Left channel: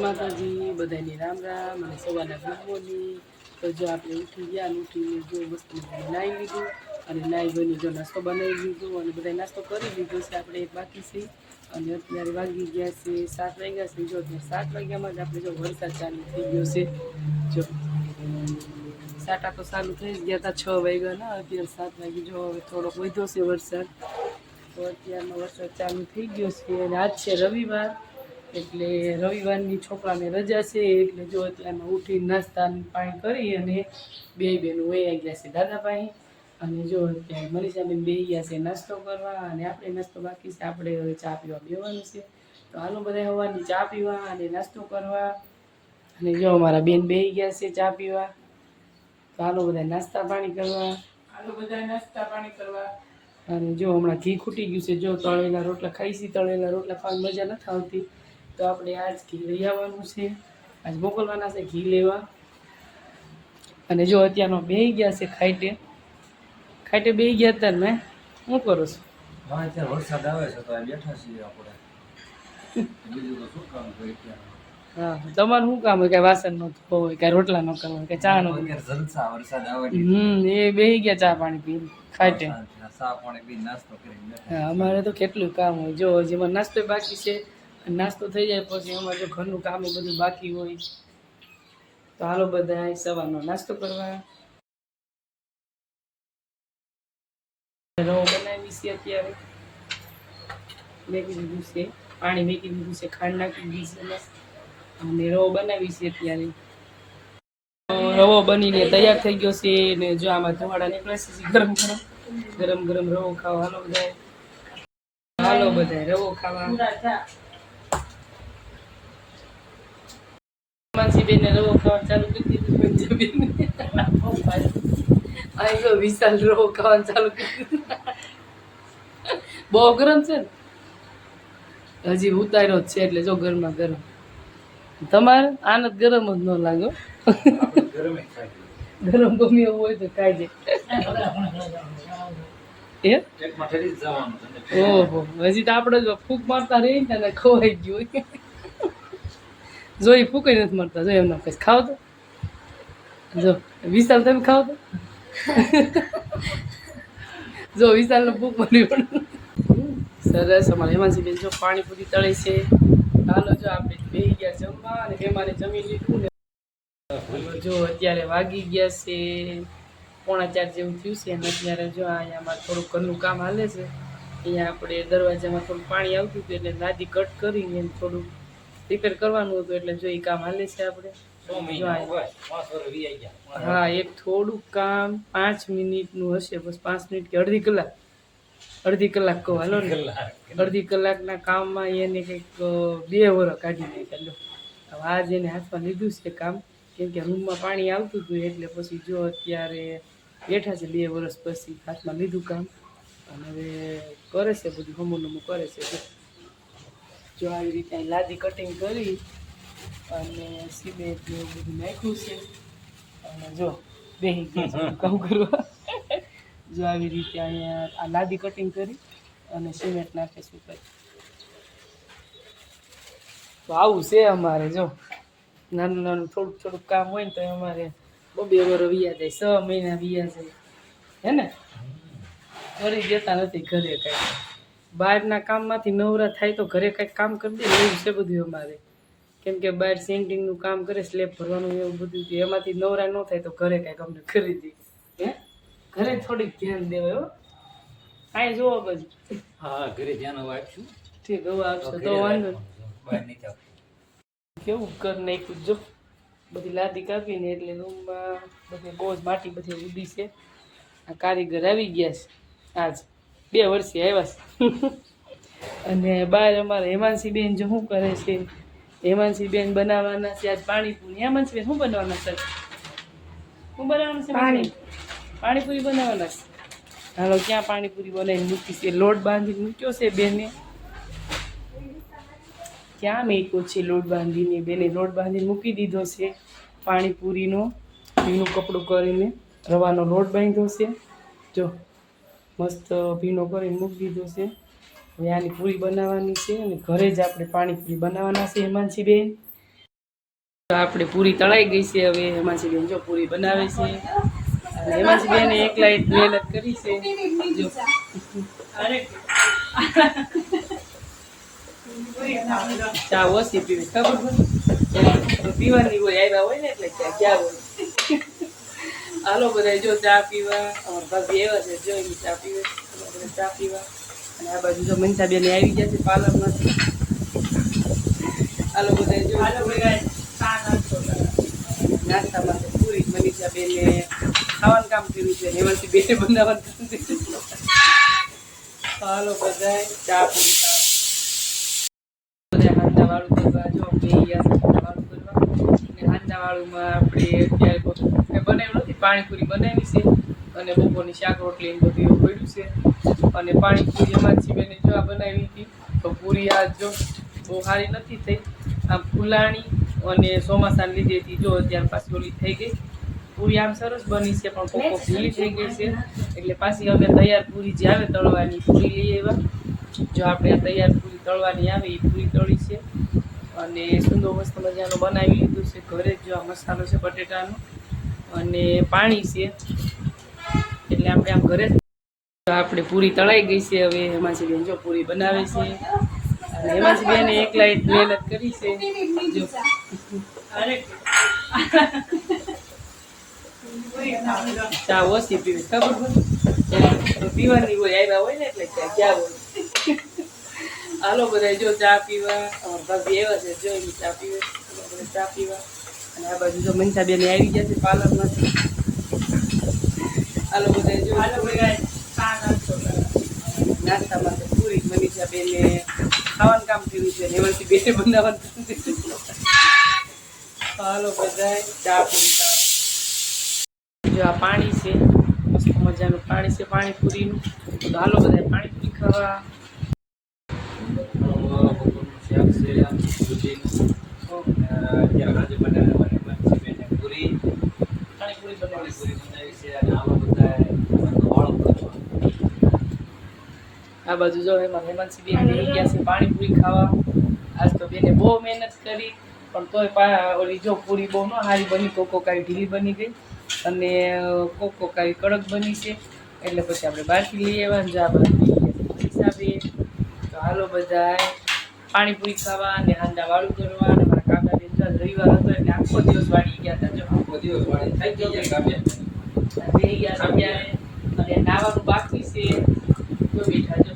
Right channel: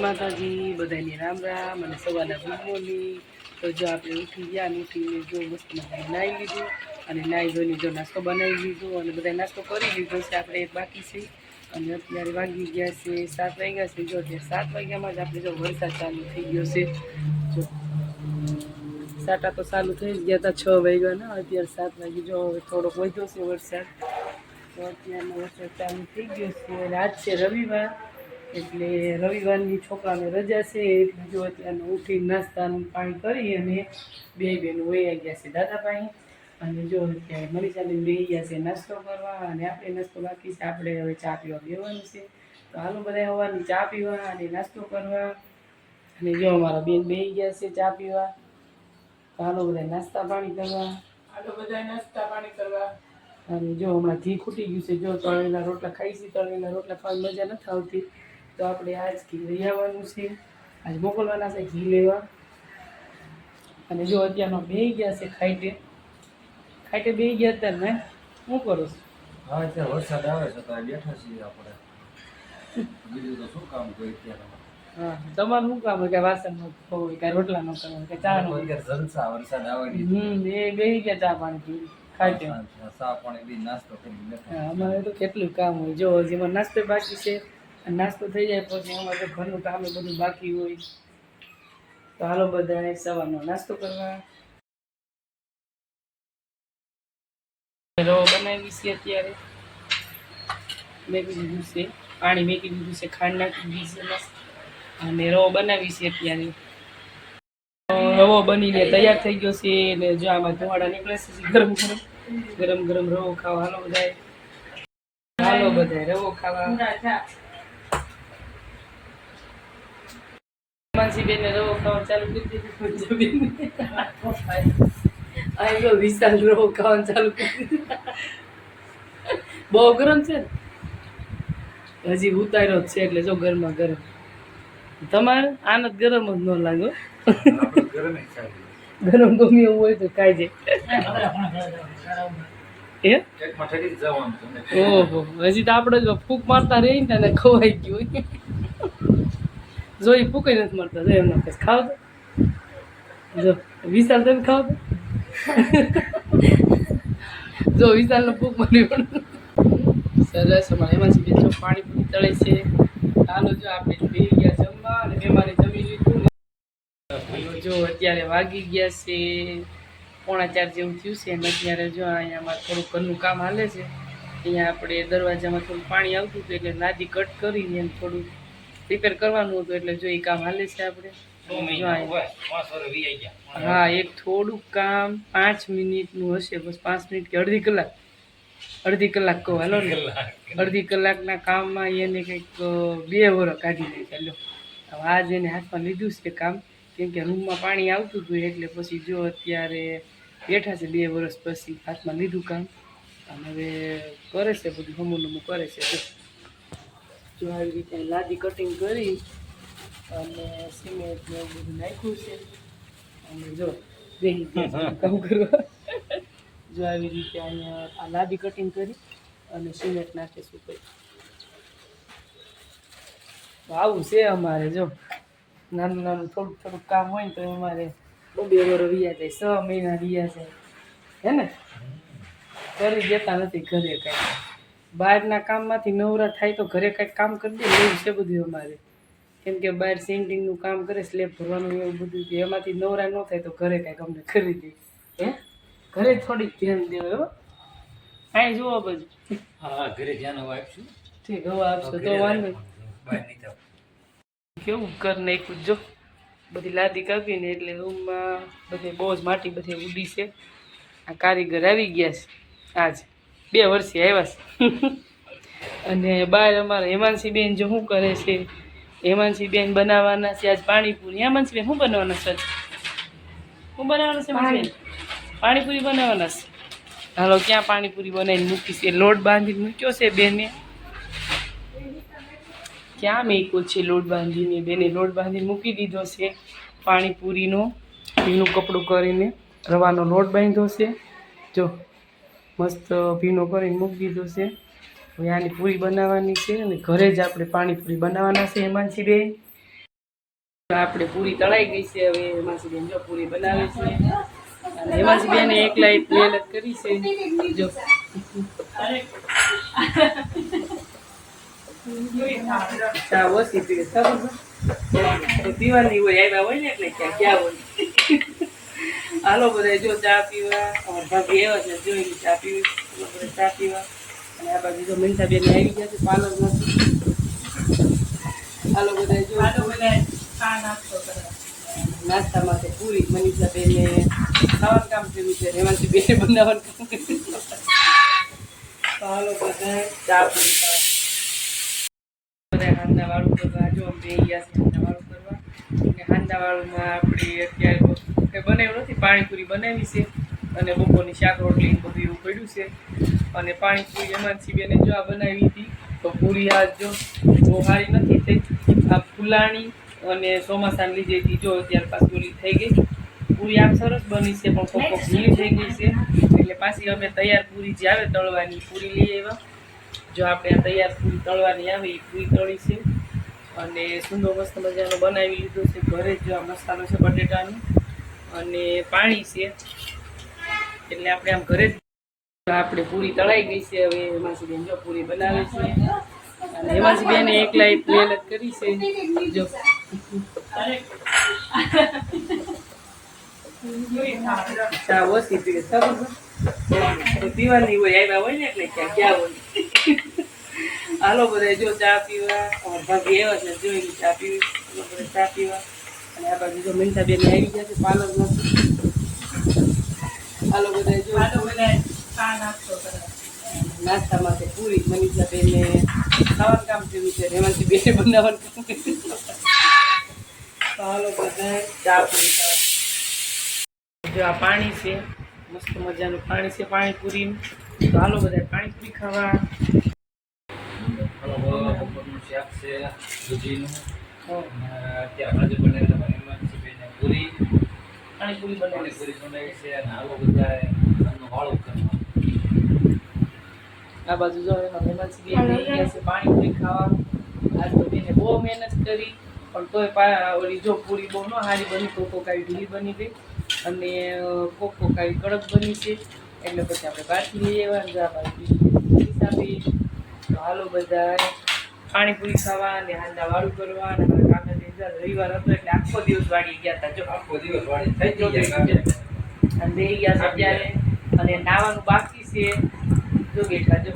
માતાજી બધાની રામ રામ અને સવારના ગુડ મોર્નિંગ. તો જો આપણે ઉઠી ગયા ઉઠીને જો મસ્ત મજાને નાહી લીધું અને નાહી ધોઈને જો નાસ્તો બનાવી લીધો અને બધા નાસ્તો કરી લીધો છે. આપણે એક બાકી છે અને અત્યારે વાગી ગયા છે સાત વાગ્યા છે. જો અત્યારે સાત વાગ્યામાં જ આપણે જો વરસાદ ચાલુ થઈ ગયો છે. જો સાટા તો ચાલુ થઈ ગયા હતા છ વાગ્યાના. અત્યારે સાત વાગે જો હવે થોડોક વધ્યો છે વરસાદ. તો અત્યારનો વરસાદ ચાલુ થઈ ગયો છે અને આજ છે રવિવાર. એટલે રવિવારની છોકરાને રજા છે એટલે જો અત્યારનો ઉઠી નાસ્તા પાણી કરી અને બે બહેનો વહી ગયા છે દાદા પાસે અને જો અત્યારે મનીષાબેન બે ગયા છે નાસ્તો કરવા અને આપણે નાસ્તો બાકી છે આપણે હવે ચા પીવા બેવાનું છે. તો હાલો બધા સવારની ચા પીવા અને નાસ્તો કરવા. અને જો અમારા બેન બે ગયા છે ચા પીવા. તો હાલો બધા નાસ્તા પાણી કરવા. હાલો બધા નાસ્તા પાણી કરવા. અને જો હમણાં ઘી ખૂટી ગયું છે જો તળેલા રોટલા ખાઈશી તળેલા રોટલા ખાવાની મજા નથી આવતી. તો આપણે આજ ઘી લઈ આવવાનું છે. આજ મોકલવાના છે ઘી લેવા. અને જો અત્યારનો બે ગયા છે ખાઈટે. ખાઈટે બે ગયા હતા ને હું કરું છું? હા અત્યારે વરસાદ આવે છે તો બેઠા છીએ આપણે. બીજું તો શું કામ કોઈ અત્યારે તમારું શું કામ હોય? કે વાસણ નો ધોવો હોય કે રોટલા નો કામ હોય કે ચા નો જલસા વરસાદ આવે હમ એ બે ગયા ચા પાણી પી ખાટે સા પાણી પી નાસ્તો કરી અમારે તો કેટલું કામ હોય. જો જેમાં નાસ્તો બાકી છે. નાસ્તો થઈ જાય પછી અમારે જો ઘરનું કામ બધું બાકી હોય, તો હાલો બધા સવારનો નાસ્તો કરવા. રવો બનાવી છે અત્યારે. મેકી દીધું છે, પાણી મેકી દીધું છે, ખાંડ નાખી દીધી છે અને રવો બનાવી છે અત્યારે. તો રવો બનીને તૈયાર થઈ ગયો છે ને જો આમાં ધુવાડા નીકળે છે ગરમ ગરમ. ગરમ ગરમ રવો ખાવા. હાલો બધાય. હાલો બધાય, રવો ખાવા. માનસી બેન રવો ખાવાનું ચાલુ કરી દીધું પંજાબી અહીં તો વિશાલ રવો ખાવાનું ચાલુ કરી દીધું. બહુ ગરમ છે ને? હજી ઉતાર્યો જ છે એટલે જો ગરમા ગરમ. તમારે આનંદ ગરમ જ ન લાગો ગરમે ગમે એવું હોય તો ખાઈ જાય. ઓહો હજી તો આપણે જ ફૂંક મારતા રહી ને ખોવાઈ ખવાઈ ગયું. હોય જો એ ફૂંક નથી મળતા. જો એમના કઈ ખાવ તો? જો, વિશાલ તમે ખાવ તો? જો, વિશાલનો ભૂખ મળી પણ સરસ, અમારે એમાંથી બેન જો પાણીપુરી તળે છે. હાલો જો આપણે બે ગયા જમવા અને બેમાને જમી લીધું ને. જો અત્યારે વાગી ગયા છે. પોણા ચાર જેવું થયું છે અને અત્યારે જો અહીંયા થોડુંક ઘરનું કામ હાલે છે. અહીંયા આપણે દરવાજામાં થોડું પાણી આવતું હતું એટલે નાદી કટ કરીને એને થોડું રિપેર કરવાનું હતું એટલે જો એ કામ હાલે છે આપણે. હા એક થોડુંક કામ પાંચ મિનિટનું હશે બસ પાંચ મિનિટ કે અડધી કલાક. અડધી કલાક કહો હાલો ને. અડધી કલાકના કામમાં એને કંઈક બે વરસ કાઢી નાખ્યા લો હવે આજ એને હાથમાં લીધું છે કામ. કેમ કે રૂમમાં પાણી આવતું હતું એટલે પછી જો અત્યારે બેઠા છે બે વર્ષ પછી હાથમાં લીધું કામ. અને હવે કરે છે બધું હમું નમું કરે છે. જો. આવી રીતે લાદી કટિંગ કરી અને સિમેન્ટ ને એવું બધું નાખ્યું છે. અને જો, બેહી કામ કરવા જો આવી રીતે અહીંયા આ લાદી કટિંગ કરી અને સિમેન્ટ નાખે શું કરી તો આવું છે અમારે, જો. નાનું નાનું થોડુંક થોડુંક કામ હોય ને તો અમારે બહુ બે વરો વિયા જાય છ મહિના વિયા જાય. હે ને? કરી દેતા નથી ઘરે કાંઈ. બહારના કામમાંથી નવરા થાય તો ઘરે કંઈક કામ કરી દે એવું છે બધું અમારે. કેમ કે બહાર સેન્ટિંગનું કામ કરે સ્લેબ ભરવાનું એવું બધું કે એમાંથી નવરા ન થાય તો ઘરે કંઈક અમને કરી દે હે? ઘરે થોડીક ધ્યાન દેવાય હો. કાંઈ જુઓ બધું. હા ઘરે ધ્યાન હવે આપશું. ઠીક હવે આપશો. તો વાંધો. કેવું? કર નાખ્યું જો. બધી લાદી કાપીને એટલે રૂમમાં બધે બહુ જ માટી બધી ઉડી છે. આ કારીગર આવી ગયા છે. આજ. બે વર્ષે આવ્યા છે. અને બહાર અમારા હેમાંશી બેન જો શું કરે છે? હેમાંશી બેન બનાવવાના છે આજ પાણીપુરી. હેમાંશી બેન શું બનાવવાના છે શું બનાવવાના છે પાણી. પાણીપુરી બનાવવાના છે? હાલો ક્યાં પાણીપુરી બનાવીને મૂકી છે? લોટ બાંધીને મૂક્યો છે બેને? ક્યાં મેકો છે લોટ બાંધીને? બેને લોટ બાંધીને મૂકી દીધો છે પાણીપુરીનો. ભીનું કપડું કરીને રવાનો લોટ બાંધ્યો છે. જો મસ્ત ભીનો કરીને મૂકી દીધો છે. હવે આની પૂરી બનાવવાની છે અને ઘરે જ આપણે પાણીપુરી બનાવવાના છે હેમાંશી બેન આપણી પૂરી તળાઈ ગઈ છે હવે હેમાંસી બેન જો પૂરી બનાવે છે. અને હેમાંસી બેન એકલા એક મહેનત કરી છે. જો. ચા ઓછી પીવે, ખબર? પીવાની હોય, આવ્યા હોય ને એટલે ક્યાં ક્યાં હોય? હાલો બધા જો ચા પીવા. અમારા ભાભી આવ્યા છે જો ઈ ચા પીવે. હાલો બધા ચા પીવા. અને આ બાજુ જો મનસા બેન આવી ગયા છે પાર્લરમાંથી. હાલો બધા જો. નાસ્તા માટે પૂરી મનીષા બેને ખાવાનું કામ કર્યું છે હેમાંસી બેને બનાવવાનું કામ કર્યું છે. હાલો બધા ચા પૂરી ખાવા બધા હાંદાવાળું કરવા જો બે ગયા હાંદાવાળું કરવા. હાંદાવાળુંમાં આપણે અત્યારે બનાવ્યું પાણીપુરી બનાવી છે અને બપોરની શાક રોટલી બધું એવું પડ્યું છે. અને પાણીપુરી એમાંથી બેને જો આ બનાવી હતી, તો પૂરી આ જો બહુ સારી નથી થઈ. આ ફુલાણી અને ચોમાસાને લીધે હતી જો અત્યારે પાછી ઓલી થઈ ગઈ. પૂરી આમ સરસ બની છે, પણ કોક કોક ઢીલી થઈ ગઈ છે. એટલે પાછી અમે તૈયાર પૂરી જે આવે તળવાની, પૂરી લઈ આવ્યા. જો આપણે આ તૈયાર પૂરી તળવાની આવે એ પૂરી તળી છે. અને સુંદર મસ્ત મજાનો બનાવી લીધો છે, ઘરે જ જો આ મસાલો છે બટેટાનો. અને પાણી છે. એટલે આપણે આમ ઘરે જ આપણી પૂરી તળાઈ ગઈ છે. હવે હેમાંસી બેન જો પૂરી બનાવે છે. અને હેમાંસી બેને એકલા જ મહેનત કરી છે. જો. ચા ઓછી પીવે, ખબર પીવાની હોય, આવ્યા હોય ને એટલે ક્યાં ક્યાં હોય? હાલો બધા જો ચા પીવા. અમારા ભાભી આવ્યા છે, જો ચા પીવે. ચા પીવા. અને આ બાજુ જો મનતા બેન આવી ગયા છે પાર્લરમાંથી. હાલો બધા જો. નાસ્તા માટે પૂરી મનીષા બેને ખાવાનું કામ કર્યું છે એમાંથી બેને બનાવવાનું કામ કર્યું. હાલો બધા ચા પૂરી જો આ પાણી છે મસ્ત મજાનું પાણી છે પાણીપુરીનું. તો હાલો બધા પાણીપુરી ખાવા. બપોરનું શાક છે દૂધીનું અત્યારે આજે બનાવેલા મને પાણીપુરી પાણીપુરી બનાવી છે અને આવો બધા વાળો કરવા આ બાજુ જો એમાં મહેમાન સીધી ગયા છે પાણીપુરી ખાવા આજ તો બેને બહુ મહેનત કરી પણ તોય પા ઓલી જો પૂરી બહુ ન સારી બની કોકો કાંઈ ઢીલી બની ગઈ. અને કોકો કાંઈ કડક બની છે. એટલે પછી આપણે બહારથી લઈ આવવાનું ને જો હિસાબે. તો હાલો બધા પાણીપુરી ખાવા અને હાંડા વાળું કરવા અને રવિવાર હતો એટલે આખો દિવસ વાળી ગયા હતા. આખો દિવસ વાળી થઈ ગયા હતા અને નાવાનું બાકી છે. જો બેઠા જો.